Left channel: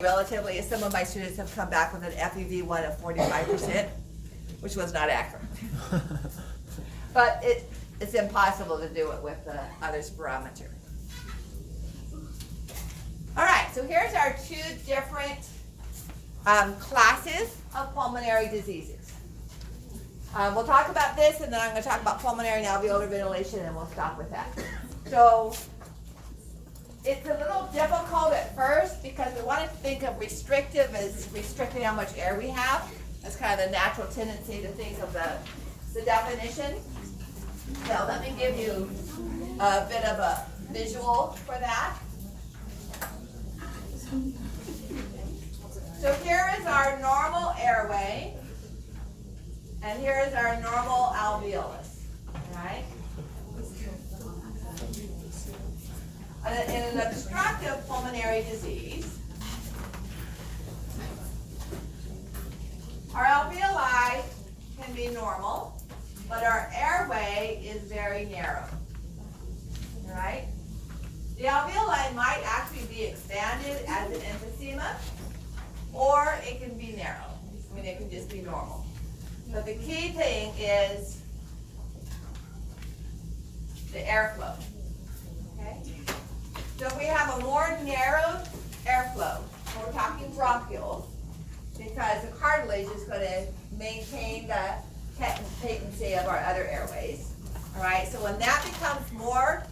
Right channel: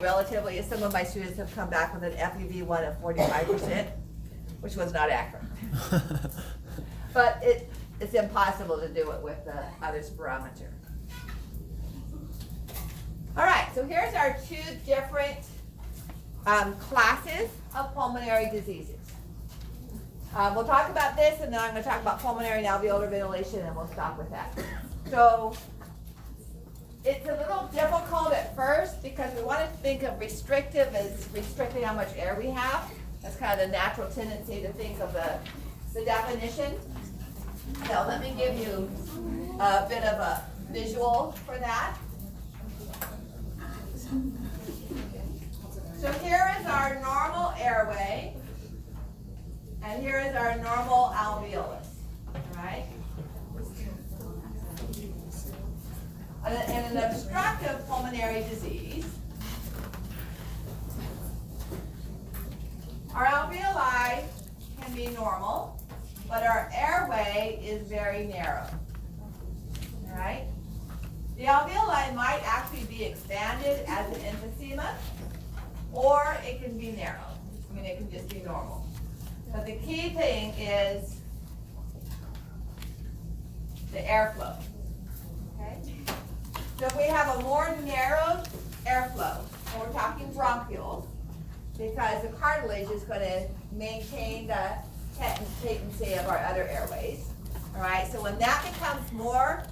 Relatively, some of my students have come back with an FEV1 of 45%, which was not accurate. But it's impossible to do it with the other spirometer. All right, so here's our two different classes of pulmonary diseases. We'll talk about this, and then I'm going to talk about pulmonary and alveolar ventilation, and we'll stop with that. So it's a little difficult at first because we want to think of restrictive as restricting how much air we have. That's kind of the natural tendency to think of the definition. So let me give you a bit of a visual for that. So here is our normal airway, and here is our normal alveolus, right? In an obstructive pulmonary disease, our alveoli can be normal, but our airway is very narrow, all right? The alveoli might actually be expanded as an emphysema, or it can be narrow. I mean, it can just be normal. But the key thing is the airflow, okay? So if we have a more narrow airflow, and we're talking bronchioles, because the cartilage is going to maintain the patency of our other airways, all right? So when that becomes more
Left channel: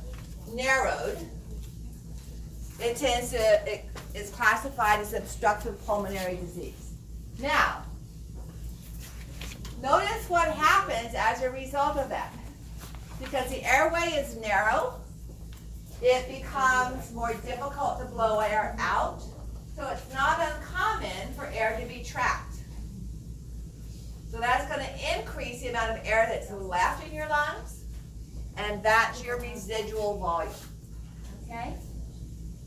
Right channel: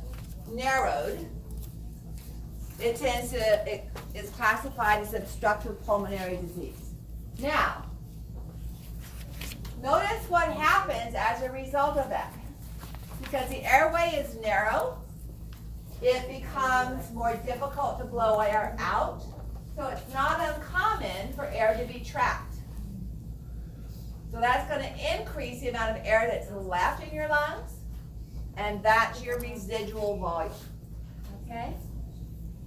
narrowed, it is classified as obstructive pulmonary disease. Now, notice what happens as a result of that. Because the airway is narrow, it becomes more difficult to blow air out, so it's not uncommon for air to be trapped. So that's going to increase the amount of air that's left in your lungs, and that's your residual volume, okay?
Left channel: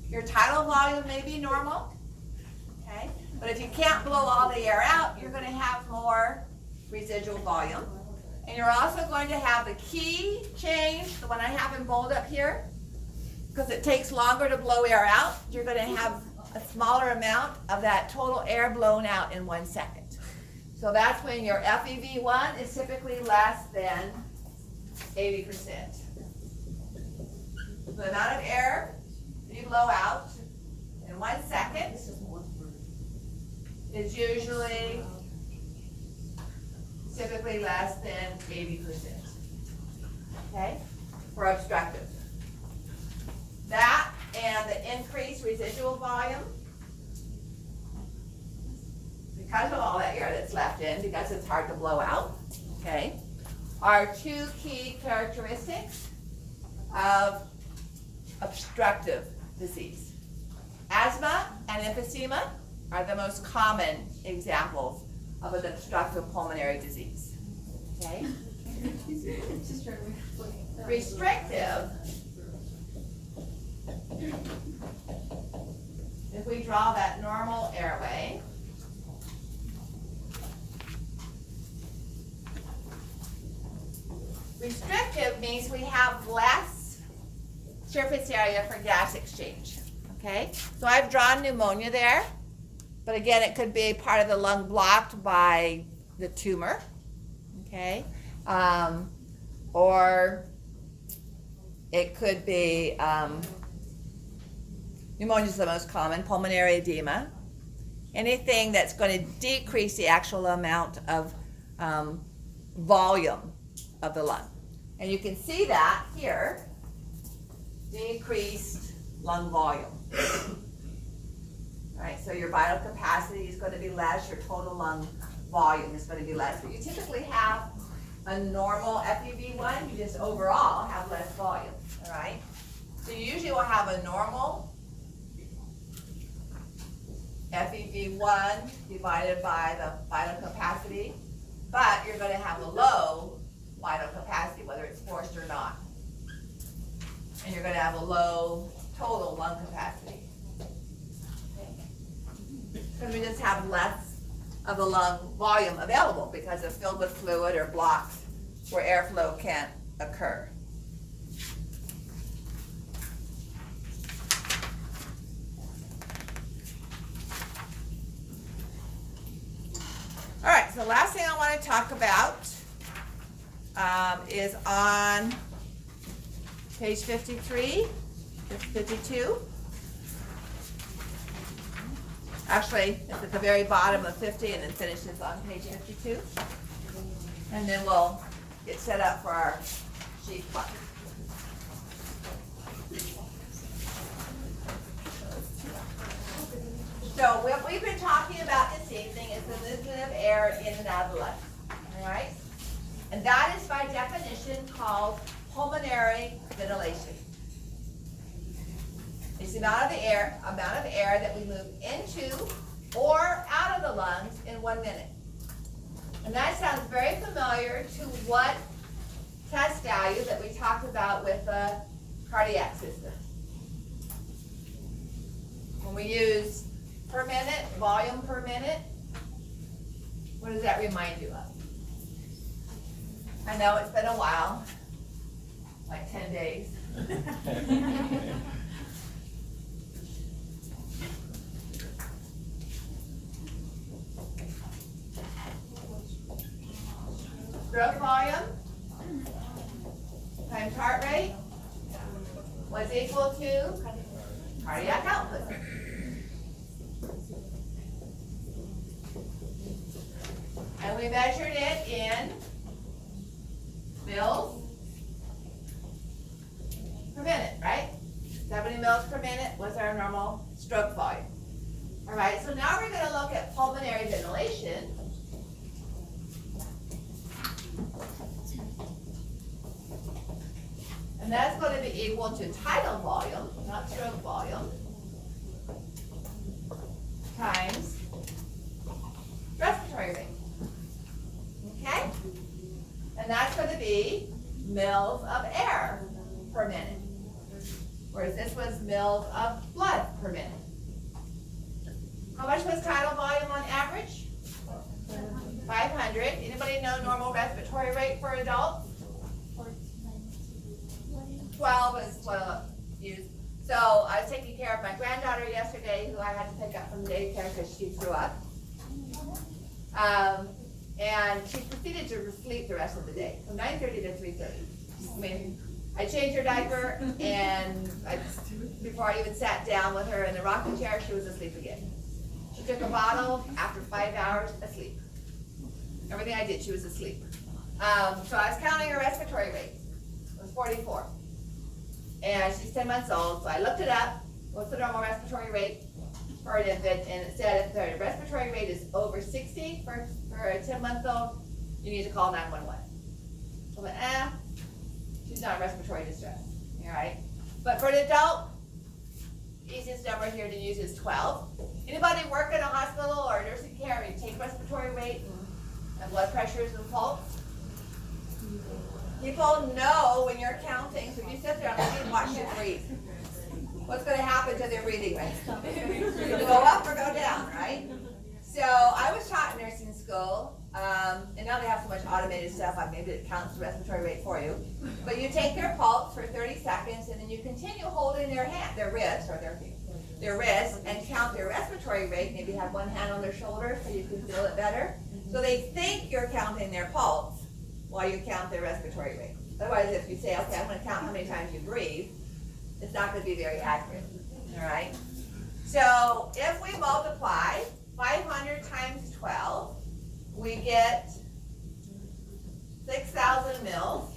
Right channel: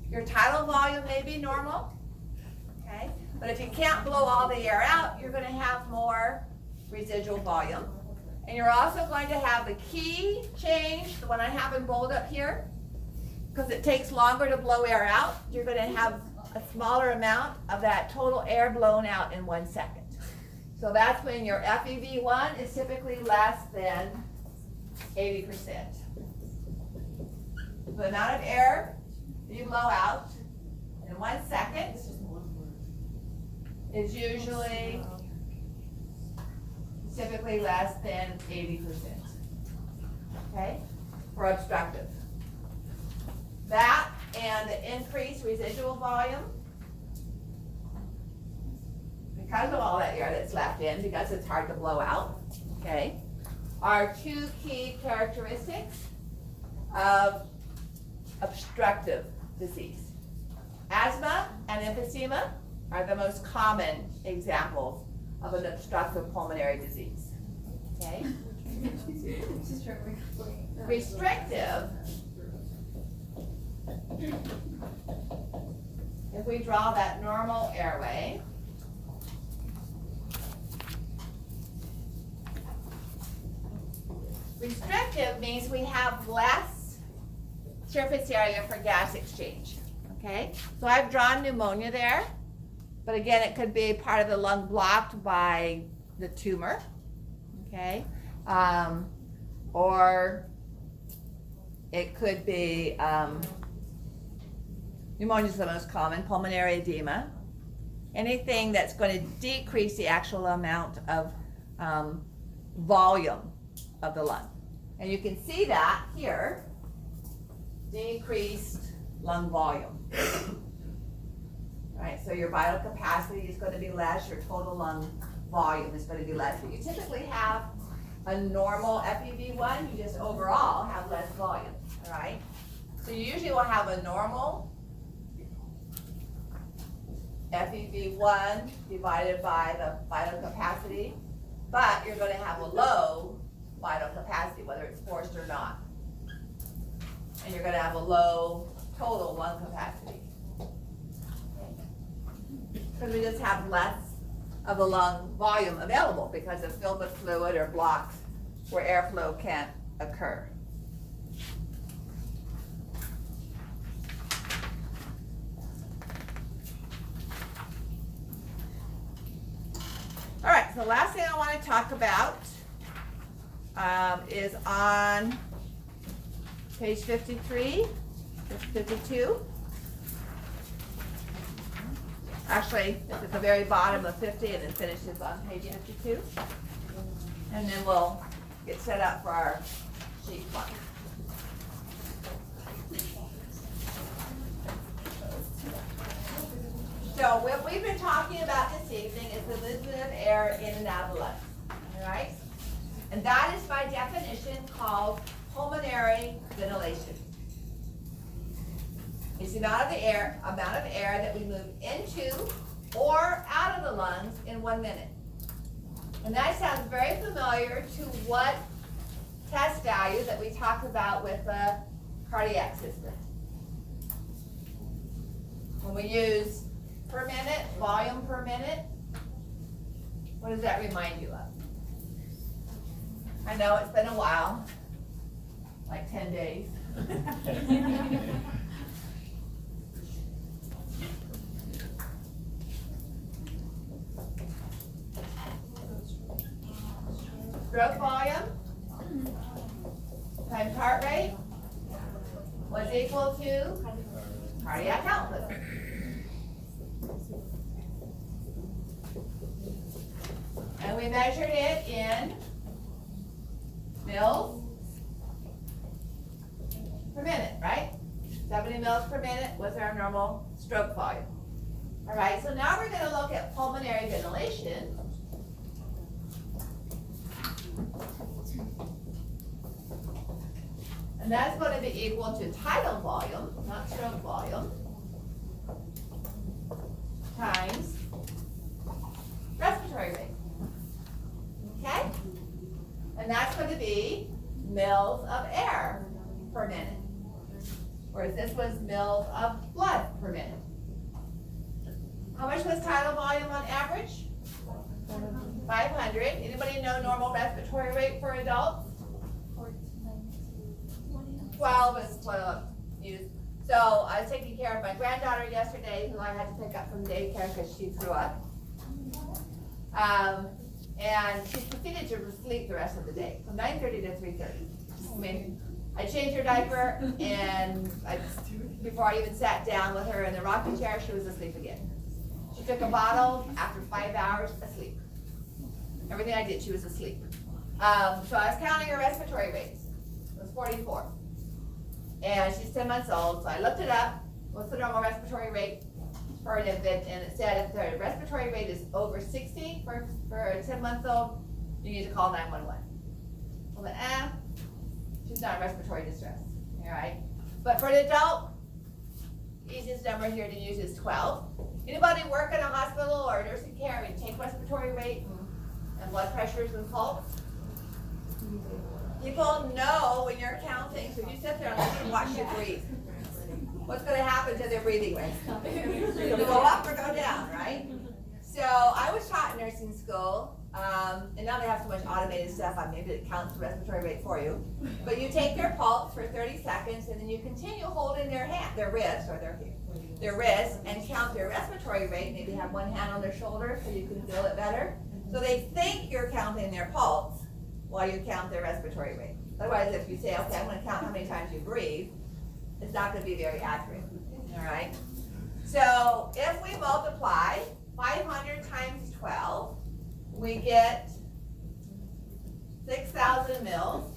Your tidal volume may be normal, okay? But if you can't blow all the air out, you're going to have more residual volume. And you're also going to have the key change, the one I have in bold up here, because it takes longer to blow air out. You're going to have a smaller amount of that total air blown out in 1 second. So that's when your FEV1 is typically less than 80%. The amount of air you blow out in 1 second is usually typically less than 80%, okay, for obstructive. That and the increased residual volume, because of all that air that's left in, because it's hard to blow out, okay, are two key characteristics of obstructive disease. Asthma and emphysema are the most common examples of an obstructive pulmonary disease, okay? Restrictive, if we draw that normal airway, restrictive means we have less surface area for gas exchange, okay? So I've drawn pneumonia there, but again, it could be part of the lung blocked by the tumor, okay? Or it could be, pneumonia is the most common, pulmonary edema. Anything that's going to decrease the actual amount of volume of the lung. And you can see that here, decreased lung volume. All right, so your vital capacity is going to be less, your total lung volume is going to be less. But you typically have a normal FEV1, you just overall have less volume, all right? So you usually will have a normal FEV1 divided by the vital capacity, but you're going to have a low vital capacity, whether it's forced or not. And you're going to have a low total lung capacity. Because we just have less of the lung volume available because it's filled with fluid or blocks where airflow can't occur. All right, so the last thing I want to talk about is on page 53, 52. Actually, it's at the very bottom of 50 and then finishes on page 52. And then we'll get set up for our sheet one. So what we've been talking about this evening is the movement of air in and out of the lungs, all right? And that is by definition called pulmonary ventilation. It's the amount of air that we move into or out of the lungs in 1 minute. And that sounds very familiar to what test value that we talked about with the cardiac system. When we use per minute, volume per minute, what does that remind you of? I know it's been a while, like 10 days. Stroke volume times heart rate was equal to cardiac output. And we measured it in mils per minute, right? 70 mils per minute was our normal stroke volume. All right, so now we're going to look at pulmonary ventilation. And that's going to be equal to tidal volume, not stroke volume, times respiratory rate. Okay? And that's going to be mils of air per minute, whereas this was mils of blood per minute. How much was tidal volume on average? 500. Anybody know normal respiratory rate for adults? 12 is what I'll use. So I was taking care of my granddaughter yesterday, who I had to pick up from daycare because she threw up. And she proceeded to sleep the rest of the day, from 9:30 to 3:30. I mean, I changed her diaper, and before I even sat down with her in the rocking chair, she was asleep again. She took a bottle after 5 hours, asleep. Everything I did, she was asleep. So I was counting her respiratory rate. It was 44. And she's 10 months old, so I looked it up. What's the normal respiratory rate for an infant? And it said if the respiratory rate is over 60 for a 10-month-old, you need to call 911. I went, she's not in respiratory distress, all right? But for an adult, easiest number here to use is 12. Anybody work in a hospital or nursing care and take respiratory rate and blood pressures and pulse? People know when you're counting, so you sit there and watch you breathe. What's going to happen to their breathing rate? It'll go up or go down, right? So I was taught in nursing school, and now they have so much automated stuff on maybe it counts the respiratory rate for you. But you take their pulse for 30 seconds, and then you continue holding their wrists, and count their respiratory rate. Maybe have one hand on their shoulder so you can feel it better. So they think you're counting their pulse while you count their respiratory rate. Otherwise, if you say, okay, I'm going to count how many times you breathe, it's not going to be very accurate, all right? So if we multiply 500 times 12, we get 6,000 mils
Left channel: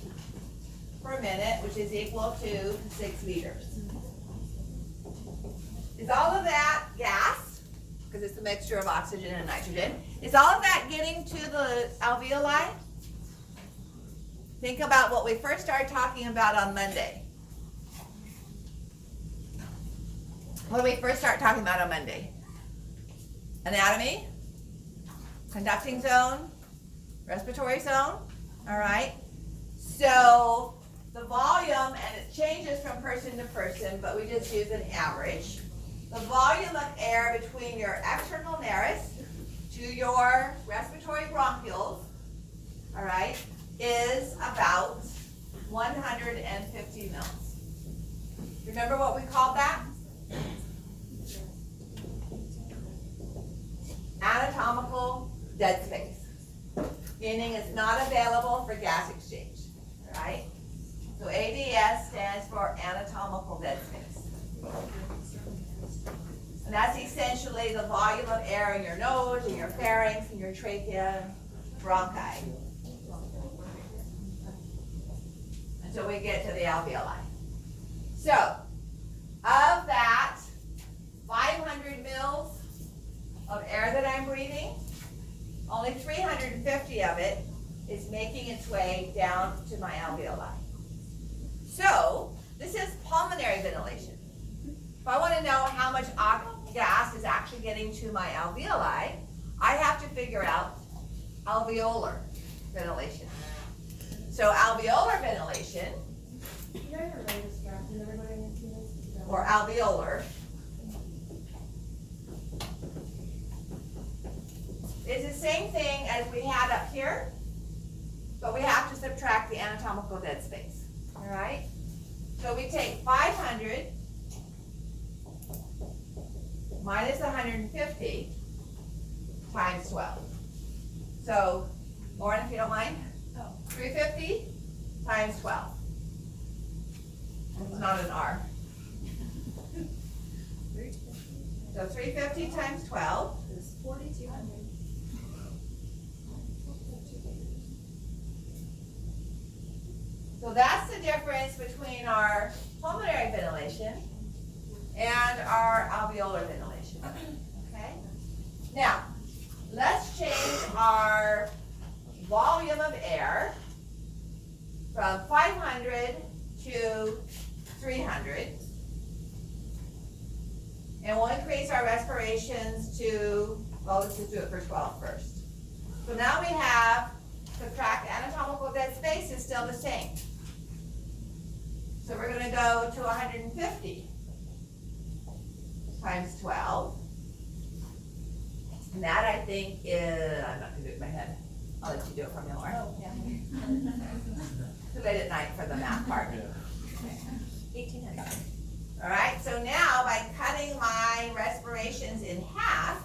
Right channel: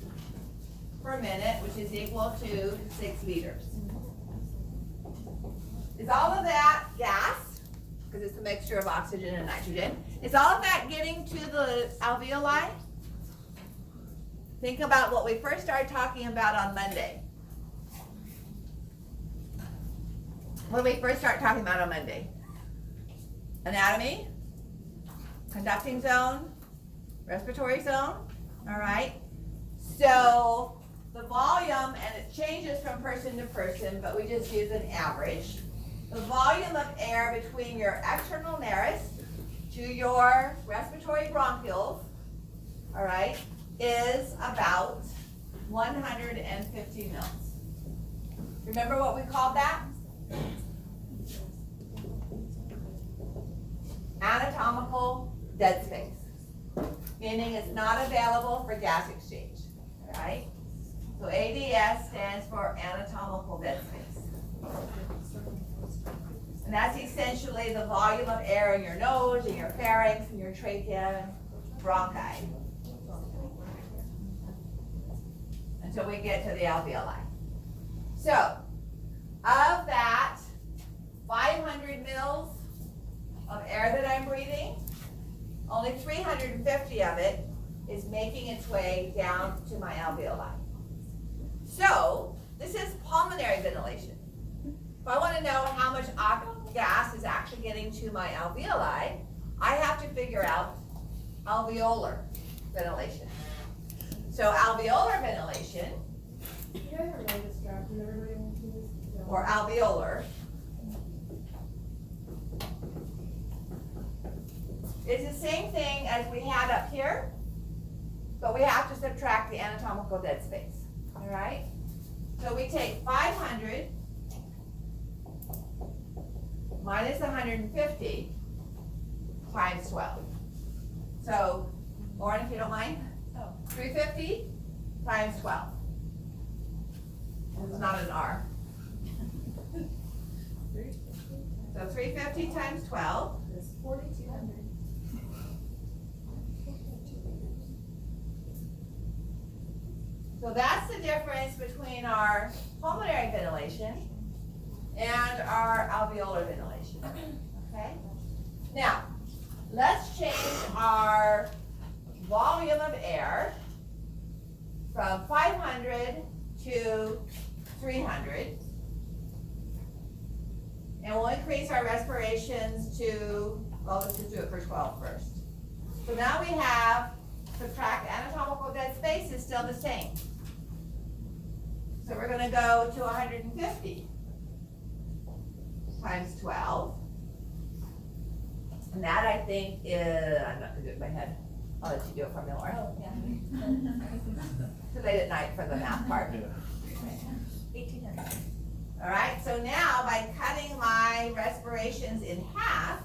per minute, which is equal to 6 liters. Is all of that gas, because it's a mixture of oxygen and nitrogen, is all of that getting to the alveoli? Think about what we first started talking about on Monday. What did we first start talking about on Monday? Anatomy, conducting zone, respiratory zone, all right? So the volume, and it changes from person to person, but we just use an average. The volume of air between your external nares to your respiratory bronchioles, all right, is about 150 mils. Remember what we called that? Anatomical dead space. meaning it's not available for gas exchange, right? So ADS stands for anatomical dead space. And that's essentially the volume of air in your nose, in your pharynx, in your trachea, bronchi. Until we get to the alveoli. So, of that 500 mils of air that I'm breathing, only 350 of it is making its way down to my alveoli. So, this is pulmonary ventilation. If I want to know how much gas is actually getting to my alveoli, I have to figure out alveolar ventilation. So alveolar ventilation, or alveolar, is the same thing as we had up here, but we have to subtract the anatomical dead space. All right? So we take 500 minus 150 times 12. So, Lauren, if you don't mind, 350 times 12. It's not an R. So 350 times 12 is 4,200. So that's the difference between our pulmonary ventilation and our alveolar ventilation. Okay? Now, let's change our volume of air from 500 to 300. And we'll increase our respirations to, well, let's just do it for 12 first. So now we have, subtract anatomical dead space is still the same. So we're going to go to 150 times 12. And that I think is, I'm not going to do it in my head. I'll let you do it for me, Lauren. Oh, yeah. Too late at night for the math part. 1,800. All right, so now by cutting my respirations in half,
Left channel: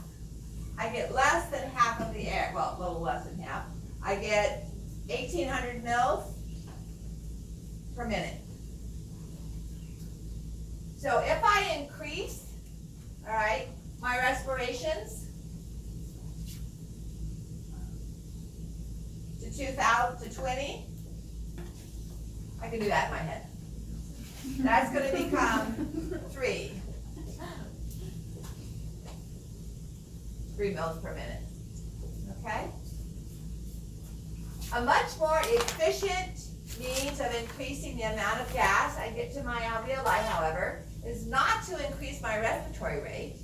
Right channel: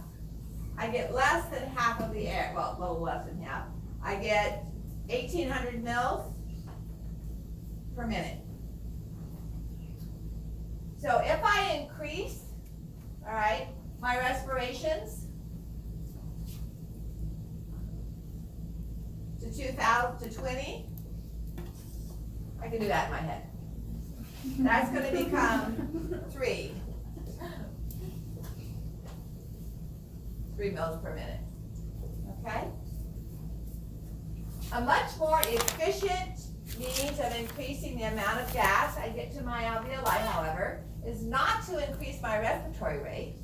I get less than half of the air, well, a little less than half. I get 1,800 mils per minute. So if I increase, all right, my respirations to 2,000 to 20, I can do that in my head. That's going to become 3 mils per minute. Okay? A much more efficient means of increasing the amount of gas I get to my alveoli, however, is not to increase my respiratory rate.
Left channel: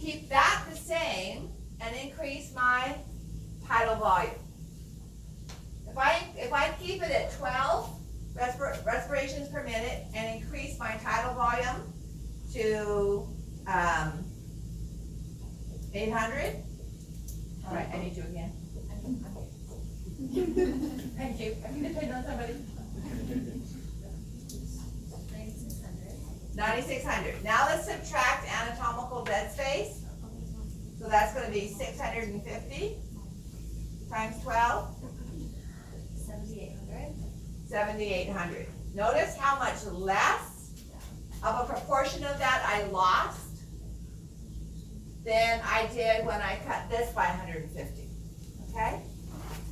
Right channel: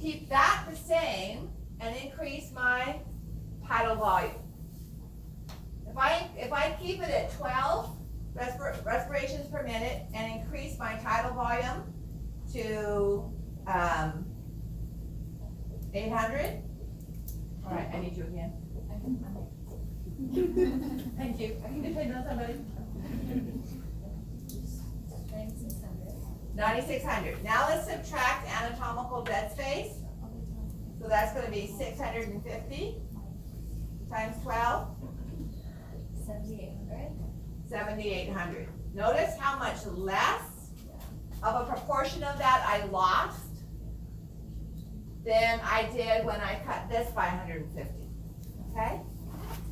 Keep that the same and increase my tidal volume. If I keep it at 12 respirations per minute and increase my tidal volume to 800. All right, I need you again. Thank you. I can depend on somebody. 9,600. Now let's subtract anatomical dead space. So that's going to be 650 times 12. 7,800. 7,800. Notice how much less of a proportion of that I lost than I did when I cut this by 150. Okay?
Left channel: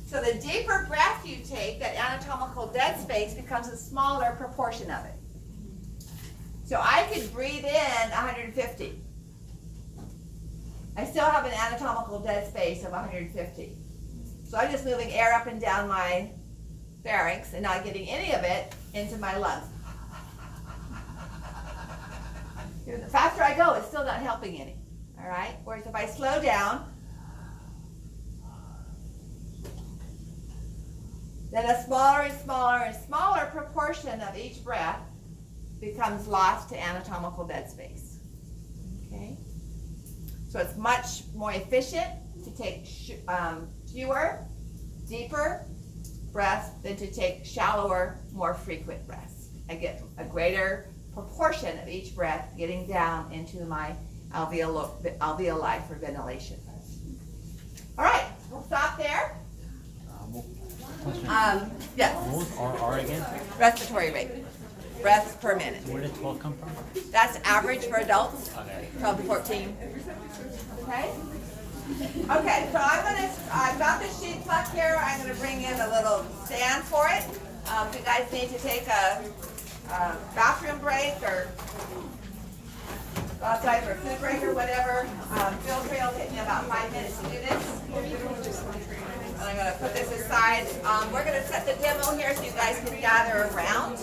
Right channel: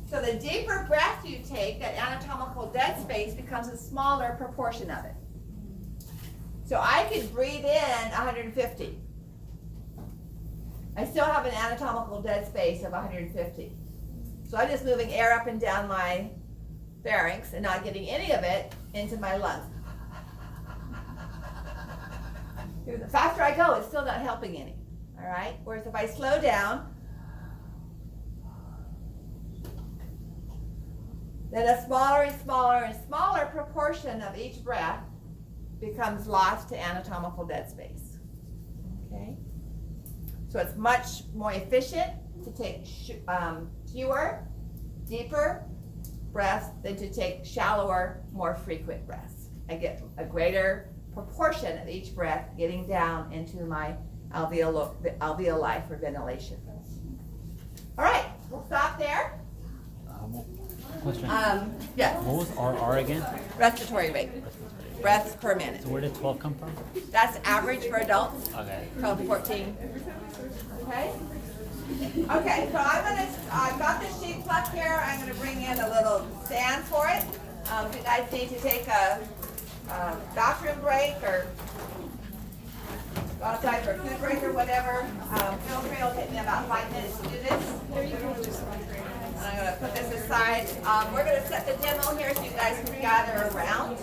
So the deeper breath you take, that anatomical dead space becomes a smaller proportion of it. So I could breathe in 150. I still have an anatomical dead space of 150. So I'm just moving air up and down my pharynx and not getting any of it into my lungs. The faster I go, it's still not helping any. All right? Whereas if I slow down, then a smaller and smaller and smaller proportion of each breath becomes lost to anatomical dead space. Okay? So it's much more efficient to take fewer, deeper breaths than to take shallower, more frequent breaths. I get a greater proportion of each breath getting down into my alveoli for ventilation. All right, we'll stop there. Yes, What was R again? respiratory rate, breaths per minute. Where did 12 come from? That's average for adults, Okay. 12 to 14. Okay? Okay, so I've got the sheet pluck here. I'm gonna bring in a little stand for it. If you guys need to take a bathroom break or go outside for a food break or whatever, feel free. It'll take me about 5 minutes to do this. I'm gonna put this aside. We're gonna set the demo here so you guys can gather around.